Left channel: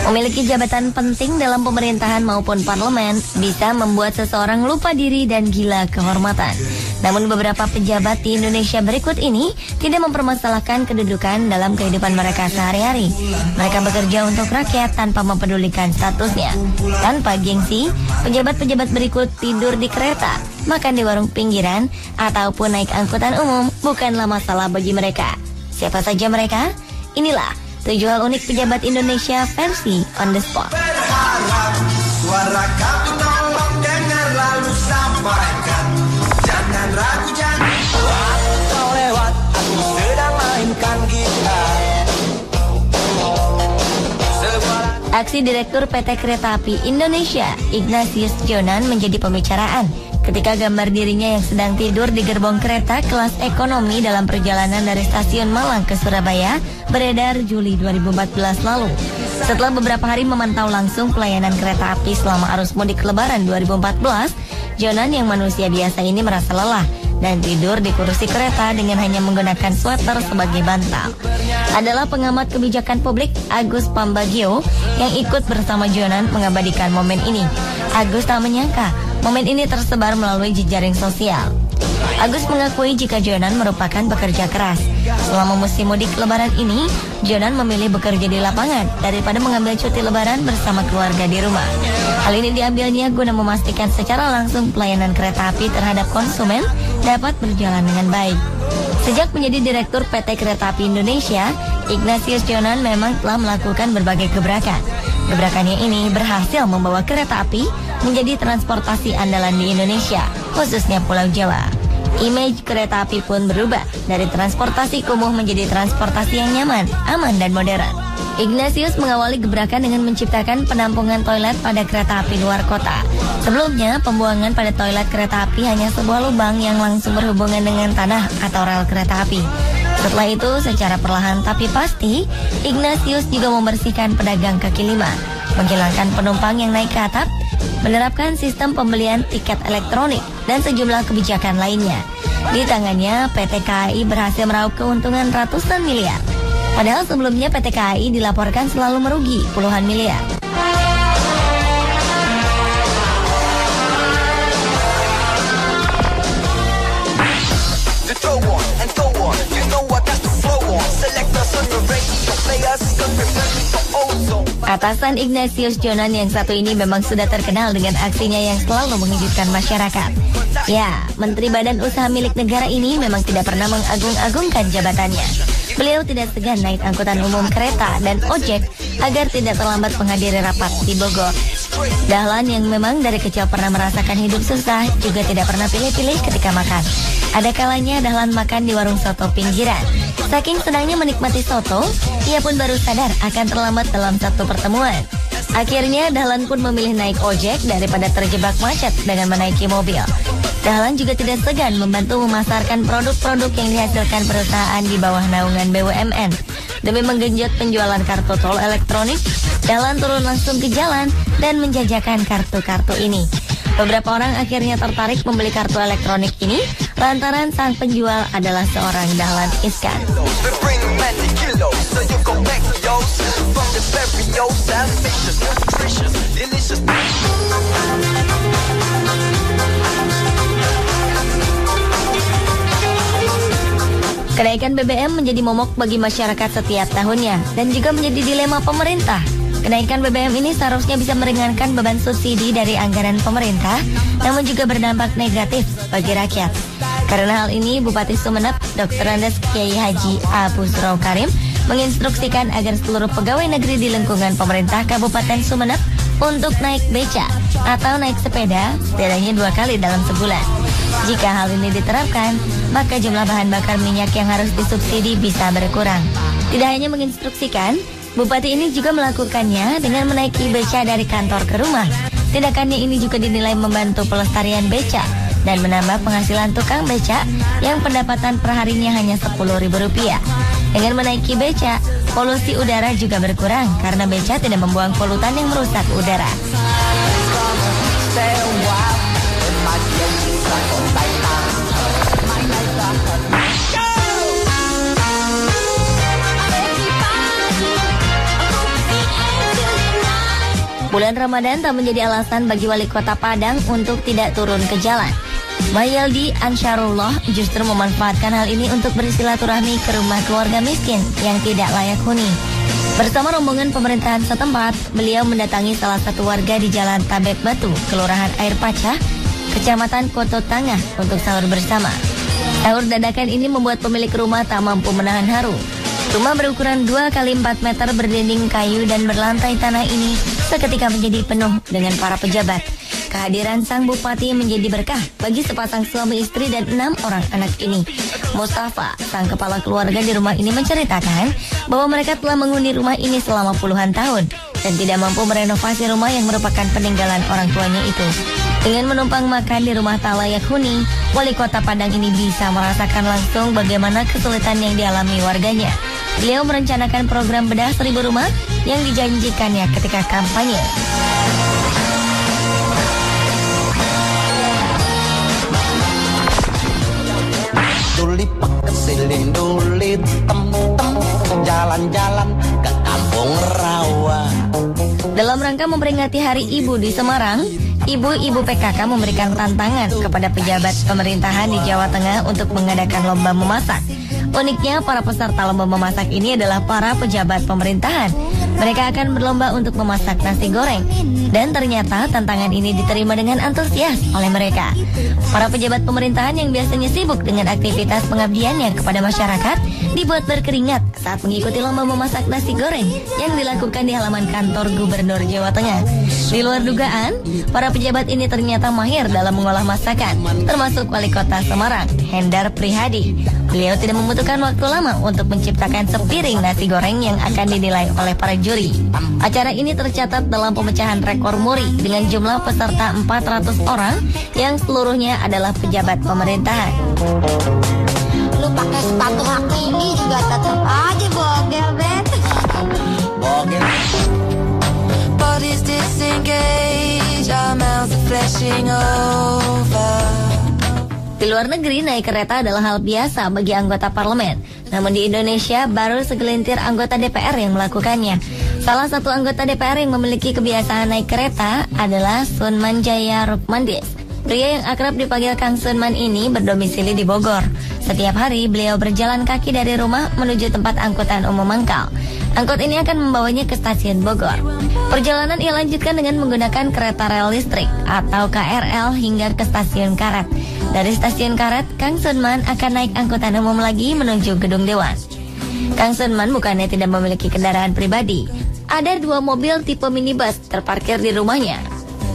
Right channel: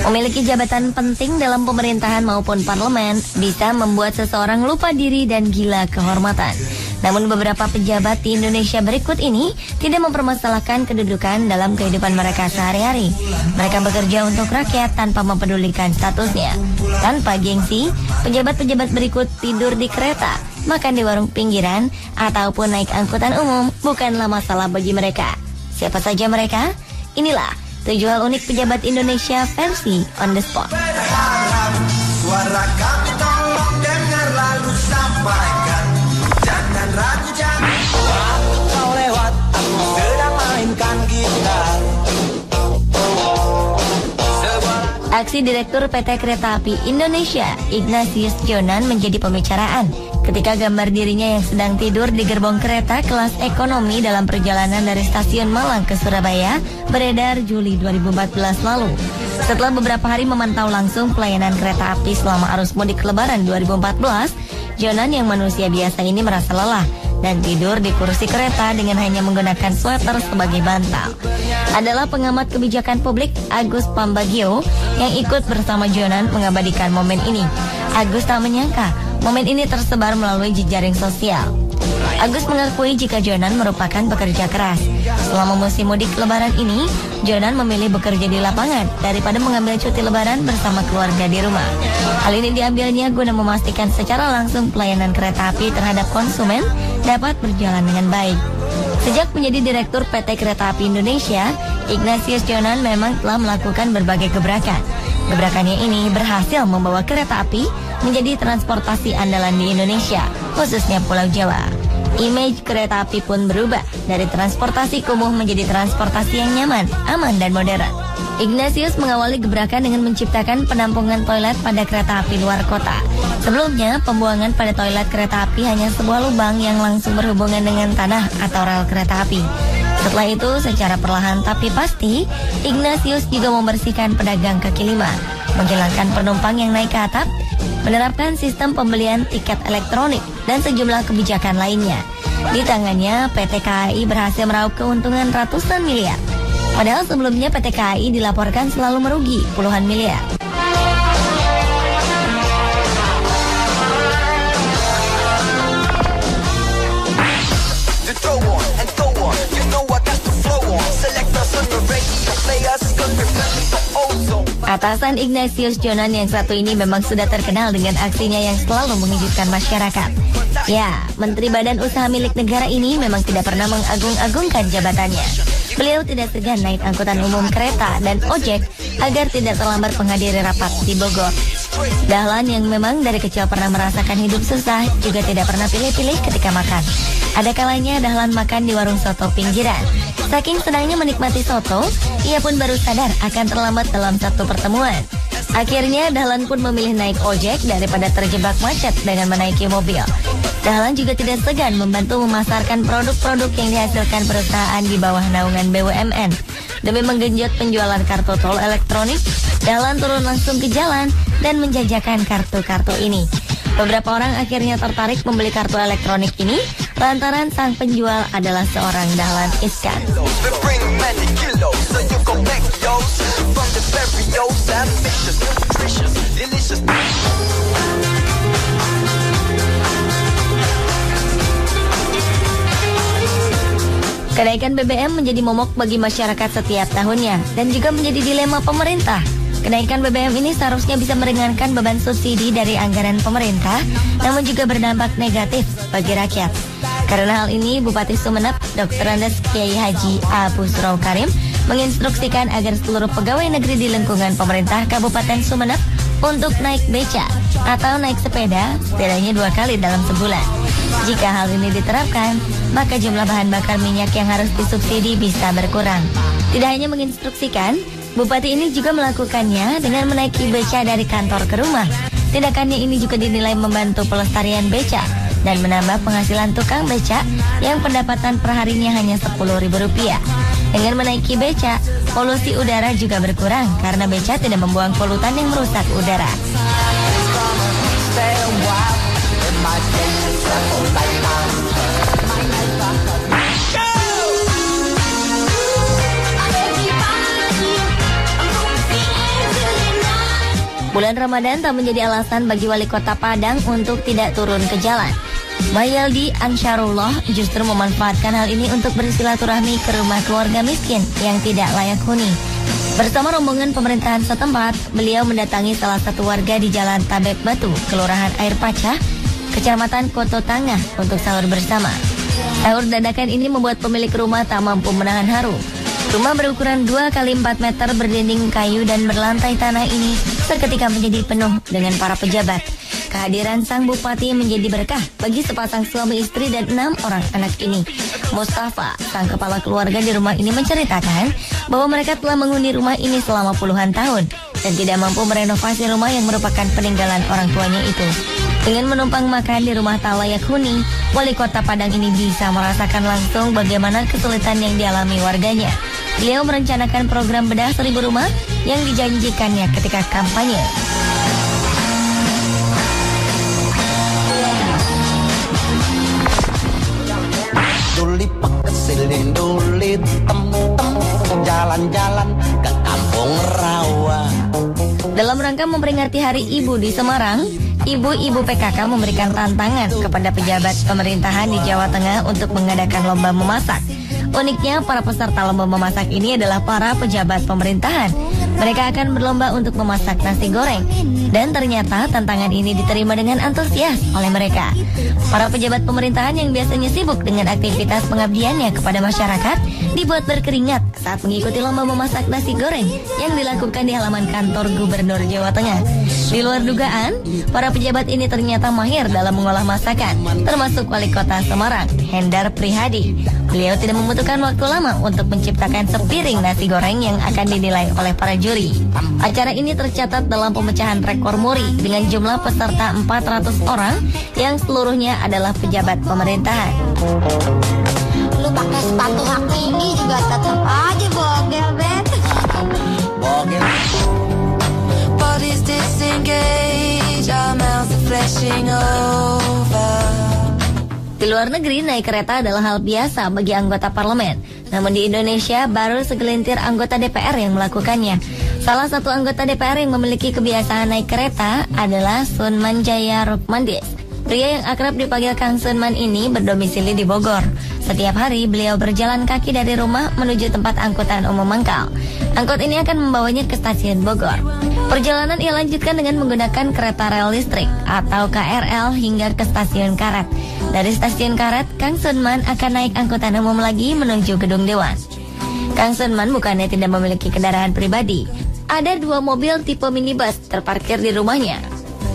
Memiliki jabatan penting dalam pemerintahan maupun parlemen bisa membuat seseorang lupa diri dan gila kehormatan. Namun beberapa pejabat di Indonesia berikut ini tidak mempermasalahkan kedudukan dalam kehidupan mereka sehari-hari. Mereka bekerja untuk rakyat tanpa mempedulikan statusnya. Tanpa gengsi, pejabat-pejabat berikut tidur di kereta, makan di warung pinggiran, ataupun naik angkutan umum bukanlah masalah bagi mereka. Siapa saja mereka? Inilah 7 hal unik pejabat Indonesia versi On The Spot. Suara kami ngomong dengar lalu sampaikan. Jangan ragu jangan kau lewat. Aku sedang mainkan gitar. Aksi Direktur PT Kereta Api Indonesia Ignatius Jonan menjadi pembicaraan ketika gambar dirinya yang sedang tidur di gerbong kereta kelas ekonomi dalam perjalanan dari stasiun Malang ke Surabaya beredar Juli 2014 lalu. Setelah beberapa hari memantau langsung pelayanan kereta api selama arus mudik Lebaran 2014, Jonan yang manusia biasa ini merasa lelah dan tidur di kursi kereta dengan hanya menggunakan sweater sebagai bantal. Adalah pengamat kebijakan publik Agus Pambagio yang ikut bersama Jonan mengabadikan momen ini. Agus tak menyangka momen ini tersebar melalui jejaring sosial. Agus mengakui jika Jonan merupakan pekerja keras. Selama musim mudik Lebaran ini, Jonan memilih bekerja di lapangan daripada mengambil cuti Lebaran bersama keluarga di rumah. Hal ini diambilnya guna memastikan secara langsung pelayanan kereta api terhadap konsumen dapat berjalan dengan baik. Sejak menjadi Direktur PT Kereta Api Indonesia, Ignatius Jonan memang telah melakukan berbagai gebrakan. Gebrakannya ini berhasil membawa kereta api menjadi transportasi andalan di Indonesia, khususnya Pulau Jawa. Image kereta api pun berubah dari transportasi kumuh menjadi transportasi yang nyaman, aman, dan modern. Ignatius mengawali gebrakan dengan menciptakan penampungan toilet pada kereta api luar kota. Sebelumnya, pembuangan pada toilet kereta api hanya sebuah lubang yang langsung berhubungan dengan tanah atau rel kereta api. Setelah itu, secara perlahan tapi pasti, Ignatius juga membersihkan pedagang kaki lima, menghilangkan penumpang yang naik ke atap, menerapkan sistem pembelian tiket elektronik, dan sejumlah kebijakan lainnya. Di tangannya, PT KAI berhasil meraup keuntungan ratusan miliar. Padahal sebelumnya PT KAI dilaporkan selalu merugi puluhan miliar. Atasan Ignatius Jonan yang satu ini memang sudah terkenal dengan aksinya yang selalu mengejutkan masyarakat. Ya, Menteri Badan Usaha milik negara ini memang tidak pernah mengagung-agungkan jabatannya. Beliau tidak segan naik angkutan umum kereta dan ojek agar tidak terlambat menghadiri rapat di Bogor. Dahlan yang memang dari kecil pernah merasakan hidup susah juga tidak pernah pilih-pilih ketika makan. Ada kalanya Dahlan makan di warung soto pinggiran. Saking senangnya menikmati soto, ia pun baru sadar akan terlambat dalam satu pertemuan. Akhirnya Dahlan pun memilih naik ojek daripada terjebak macet dengan menaiki mobil. Dahlan juga tidak segan membantu memasarkan produk-produk yang dihasilkan perusahaan di bawah naungan BUMN. Demi menggenjot penjualan kartu tol elektronik, Dahlan turun langsung ke jalan dan menjajakan kartu-kartu ini. Beberapa orang akhirnya tertarik membeli kartu elektronik ini lantaran sang penjual adalah seorang Dahlan Iskan. Kenaikan BBM menjadi momok bagi masyarakat setiap tahunnya dan juga menjadi dilema pemerintah. Kenaikan BBM ini seharusnya bisa meringankan beban subsidi dari anggaran pemerintah, namun juga berdampak negatif bagi rakyat. Karena hal ini, Bupati Sumeneb, Dr. Andes Kiai Haji A. Busro Karim, menginstruksikan agar seluruh pegawai negeri di lingkungan pemerintah Kabupaten Sumeneb untuk naik beca atau naik sepeda setidaknya 2 kali dalam sebulan. Jika hal ini diterapkan, maka jumlah bahan bakar minyak yang harus disubsidi bisa berkurang. Tidak hanya menginstruksikan, Bupati ini juga melakukannya dengan menaiki beca dari kantor ke rumah. Tindakannya ini juga dinilai membantu pelestarian beca dan menambah penghasilan tukang beca yang pendapatan perharinya hanya Rp10.000. Dengan menaiki beca, polusi udara juga berkurang karena beca tidak membuang polutan yang merusak udara. Ramadan tak menjadi alasan bagi wali kota Padang untuk tidak turun ke jalan. Mayaldi Ansarullah justru memanfaatkan hal ini untuk bersilaturahmi ke rumah keluarga miskin yang tidak layak huni. Bersama rombongan pemerintahan setempat, beliau mendatangi salah satu warga di Jalan Tabet Batu, Kelurahan Air Paca, Kecamatan Koto Tangah untuk sahur bersama. Sahur dadakan ini membuat pemilik rumah tak mampu menahan haru. Rumah berukuran 2 x 4 meter berdinding kayu dan berlantai tanah ini seketika menjadi penuh dengan para pejabat. Kehadiran sang bupati menjadi berkah bagi sepasang suami istri dan 6 orang anak ini. Mustafa, sang kepala keluarga di rumah ini menceritakan bahwa mereka telah menghuni rumah ini selama puluhan tahun dan tidak mampu merenovasi rumah yang merupakan peninggalan orang tuanya itu. Dengan menumpang makan di rumah tak layak huni, wali kota Padang ini bisa merasakan langsung bagaimana kesulitan yang dialami warganya. Beliau merencanakan program bedah 1000 rumah yang dijanjikannya ketika kampanye. Jalan-jalan ke kampung rawa. Dalam rangka memperingati Hari Ibu di Semarang, ibu-ibu PKK memberikan tantangan kepada pejabat pemerintahan di Jawa Tengah untuk mengadakan lomba memasak. Uniknya, para peserta lomba memasak ini adalah para pejabat pemerintahan. Mereka akan berlomba untuk memasak nasi goreng. Dan ternyata tantangan ini diterima dengan antusias oleh mereka. Para pejabat pemerintahan yang biasanya sibuk dengan aktivitas pengabdiannya kepada masyarakat dibuat berkeringat saat mengikuti lomba memasak nasi goreng yang dilakukan di halaman kantor Gubernur Jawa Tengah. Di luar dugaan, para pejabat ini ternyata mahir dalam mengolah masakan, termasuk Wali Kota Semarang, Hendar Prihadi. Beliau tidak membutuhkan waktu lama untuk menciptakan sepiring nasi goreng yang akan dinilai oleh para juri. Acara ini tercatat dalam pemecahan rekor muri dengan jumlah peserta 400 orang yang seluruhnya adalah pejabat pemerintahan. Lu pakai sepatu aku ini juga tetap aja bogel, Ben. Bogel. Di luar negeri, naik kereta adalah hal biasa bagi anggota parlemen. Namun di Indonesia, baru segelintir anggota DPR yang melakukannya. Salah satu anggota DPR yang memiliki kebiasaan naik kereta adalah Sunman Jaya Rukmandi. Pria yang akrab dipanggil Kang Sunman ini berdomisili di Bogor. Setiap hari beliau berjalan kaki dari rumah menuju tempat angkutan umum mangkal. Angkot ini akan membawanya ke stasiun Bogor. Perjalanan ia lanjutkan dengan menggunakan kereta rel listrik atau KRL hingga ke stasiun Karet. Dari stasiun Karet, Kang Sunman akan naik angkutan umum lagi menuju Gedung Dewan. Kang Sunman bukannya tidak memiliki kendaraan pribadi. Ada 2 mobil tipe minibus terparkir di rumahnya.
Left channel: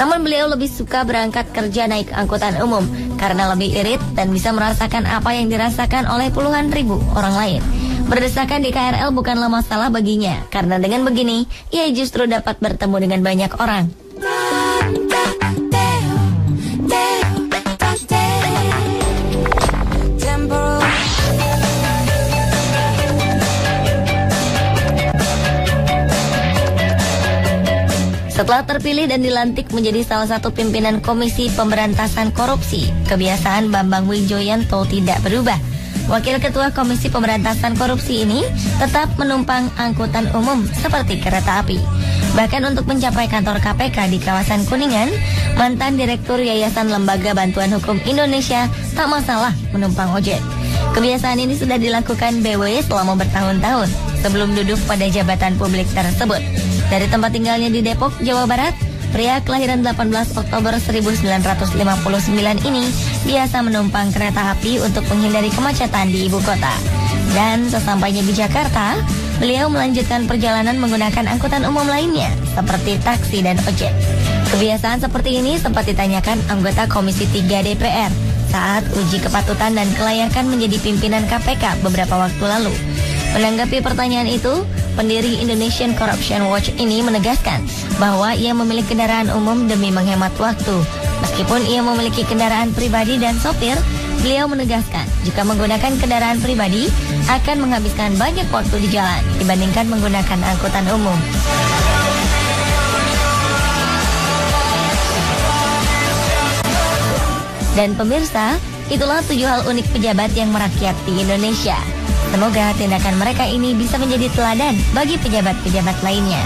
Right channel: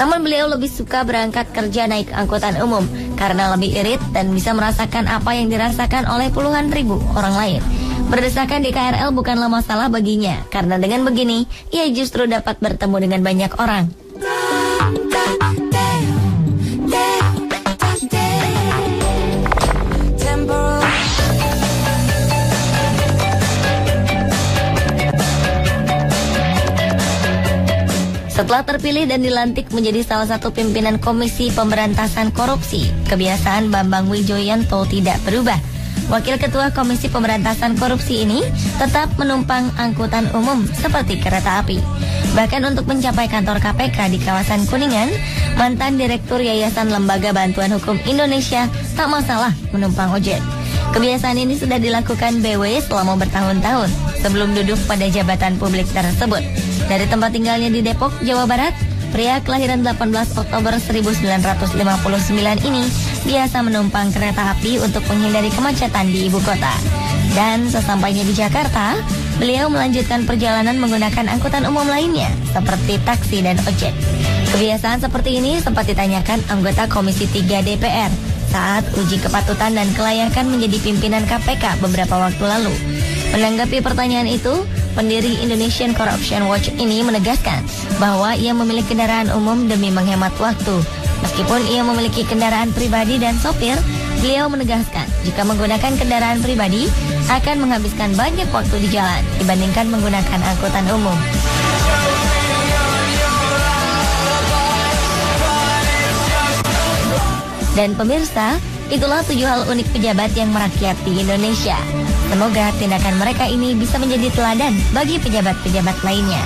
Namun beliau lebih suka berangkat kerja naik angkutan umum karena lebih irit dan bisa merasakan apa yang dirasakan oleh puluhan ribu orang lain. Berdesakan di KRL bukanlah masalah baginya, karena dengan begini ia justru dapat bertemu dengan banyak orang. Setelah terpilih dan dilantik menjadi salah satu pimpinan Komisi Pemberantasan Korupsi, kebiasaan Bambang Wijoyanto tidak berubah. Wakil Ketua Komisi Pemberantasan Korupsi ini tetap menumpang angkutan umum seperti kereta api. Bahkan untuk mencapai kantor KPK di kawasan Kuningan, mantan Direktur Yayasan Lembaga Bantuan Hukum Indonesia tak masalah menumpang ojek. Kebiasaan ini sudah dilakukan BW selama bertahun-tahun sebelum duduk pada jabatan publik tersebut. Dari tempat tinggalnya di Depok, Jawa Barat, pria kelahiran 18 Oktober 1959 ini biasa menumpang kereta api untuk menghindari kemacetan di ibu kota. Dan sesampainya di Jakarta, beliau melanjutkan perjalanan menggunakan angkutan umum lainnya seperti taksi dan ojek. Kebiasaan seperti ini sempat ditanyakan anggota Komisi 3 DPR saat uji kepatutan dan kelayakan menjadi pimpinan KPK beberapa waktu lalu. Menanggapi pertanyaan itu, pendiri Indonesian Corruption Watch ini menegaskan bahwa ia memiliki kendaraan umum demi menghemat waktu. Meskipun ia memiliki kendaraan pribadi dan sopir, beliau menegaskan jika menggunakan kendaraan pribadi akan menghabiskan banyak waktu di jalan dibandingkan menggunakan angkutan umum. Dan pemirsa, itulah 7 hal unik pejabat yang merakyat di Indonesia. Semoga tindakan mereka ini bisa menjadi teladan bagi pejabat-pejabat lainnya.